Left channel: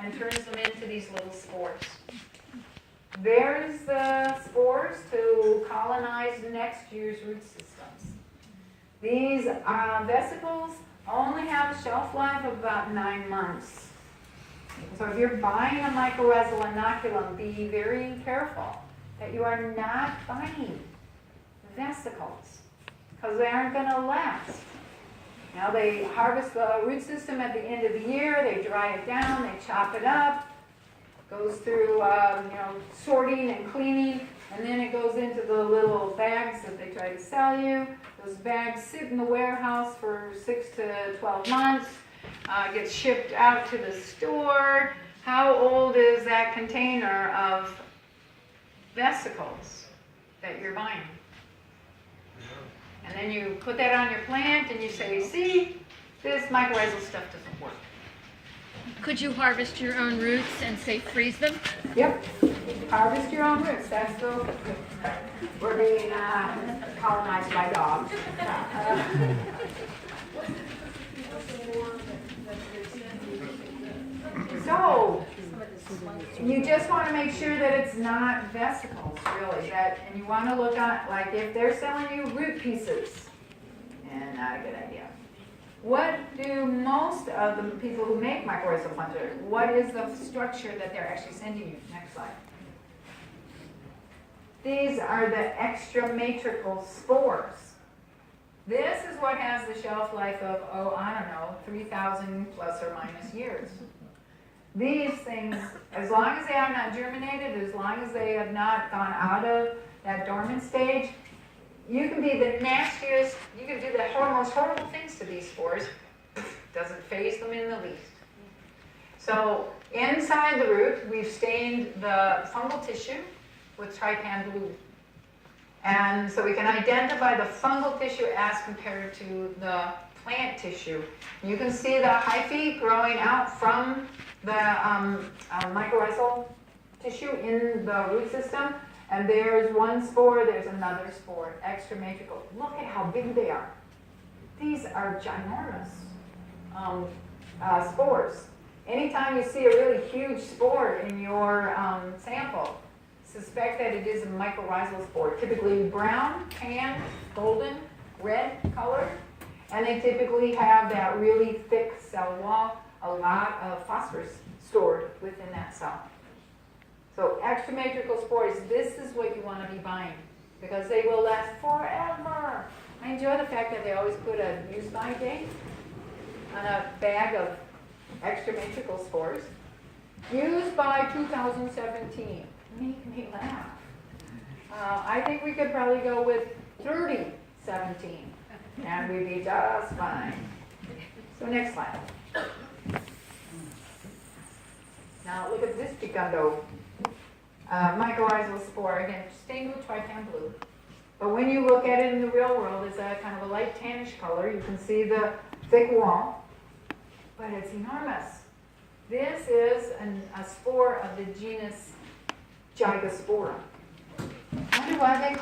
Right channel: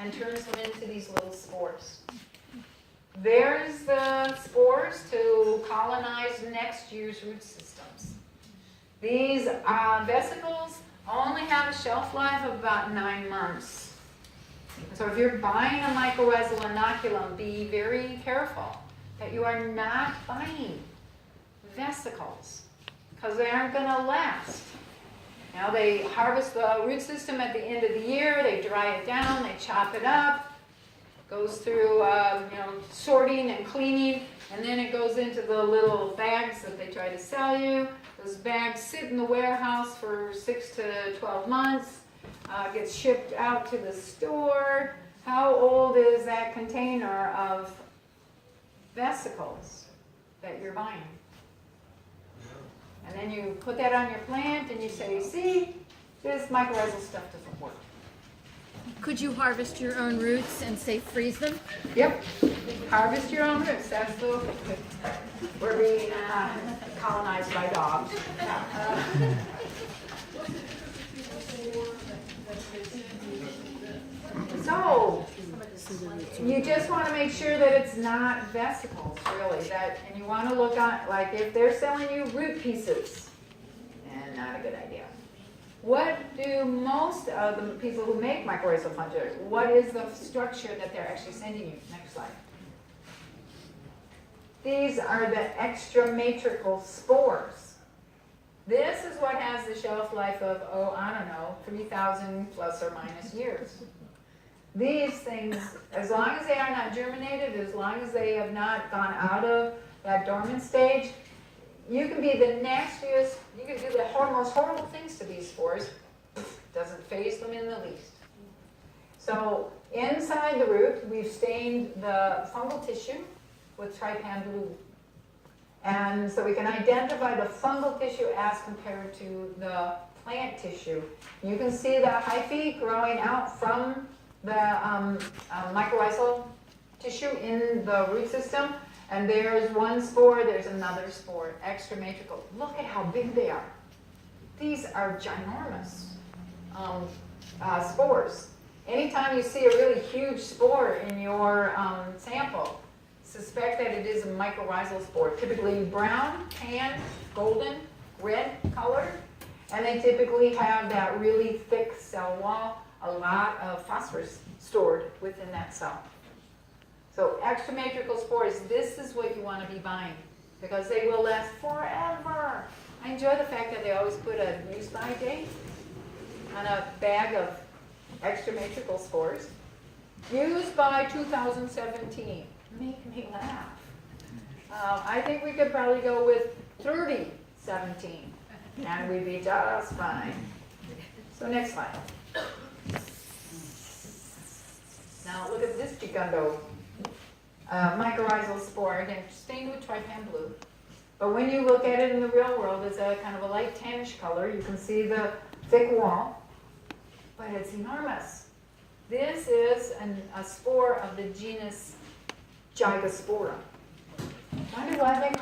and turns them into these little spores. There's the spores to colonize next year's root systems. These vesicles only have a shelf life of about 9 months. So if you're buying a mycorrhizal inoculum, be very careful that you are not buying vesicles, because they aren't going to last. Now they harvest the root system at the end of the year, they dry it down, they chop it up, goes through sorting and cleaning, and then it goes into the little bags that they try to sell you. Those bags sit in the warehouse for 6 to 12 months, gets shipped out to the store. How old is that container of vesicles that you're buying? And then you put that on your plant and you say, see, this mycorrhizal stuff doesn't work. Could you harvest your own roots and say freeze them? Yep, harvest your own roots. That's the, we're being colonized by dogs. So, you just want to make sure that it's not vesicles, really. And you want to look on it, like if they're selling you root pieces, and not a good idea. What do most of the people who make mycorrhizal fungi, what is the structure that they're actually sending you? Next slide. These are the extramatricall spores. This is what has the shelf life of, 3,000 plus or minus years. These things, as long as they are not germinated, as long as they have not gone out of that dormant stage, you can be the nastiest, you can do the most horrible things to these spores. Doesn't faze them in the least. So inside the root, we've stained the fungal tissue with trypan blue. And so we can identify the fungal tissue as compared to the plant tissue. You can see the hyphae growing out from the mycorrhizal tissue in the root system. And there's one spore, there's another spore, extramatricall. Look at how big they are. These are ginormous spores. Anytime you see a really huge spore in your sample, suspect that it is a mycorrhizal spore. Typically brown, tan, golden, red color, and they typically have that really thick cell wall, a lot of phosphorus stored within that cell. So extramatricall spores, this is what you want to be buying because they will last forever. I enjoy the fact that they always put a use-by date on a bag of extramatricall spores. Used by 2017. Make me laugh. I think we could probably go with 3017 and we'd be just fine. So next slide. Now look at this gigundo. Mycorrhizal spore, again, stained with trypan blue. But when you look at it in the real world, it's a kind of a light tannish color. You can see the thick wall, but it's enormous. This is a spore of the genus Gygospora. I wonder why they call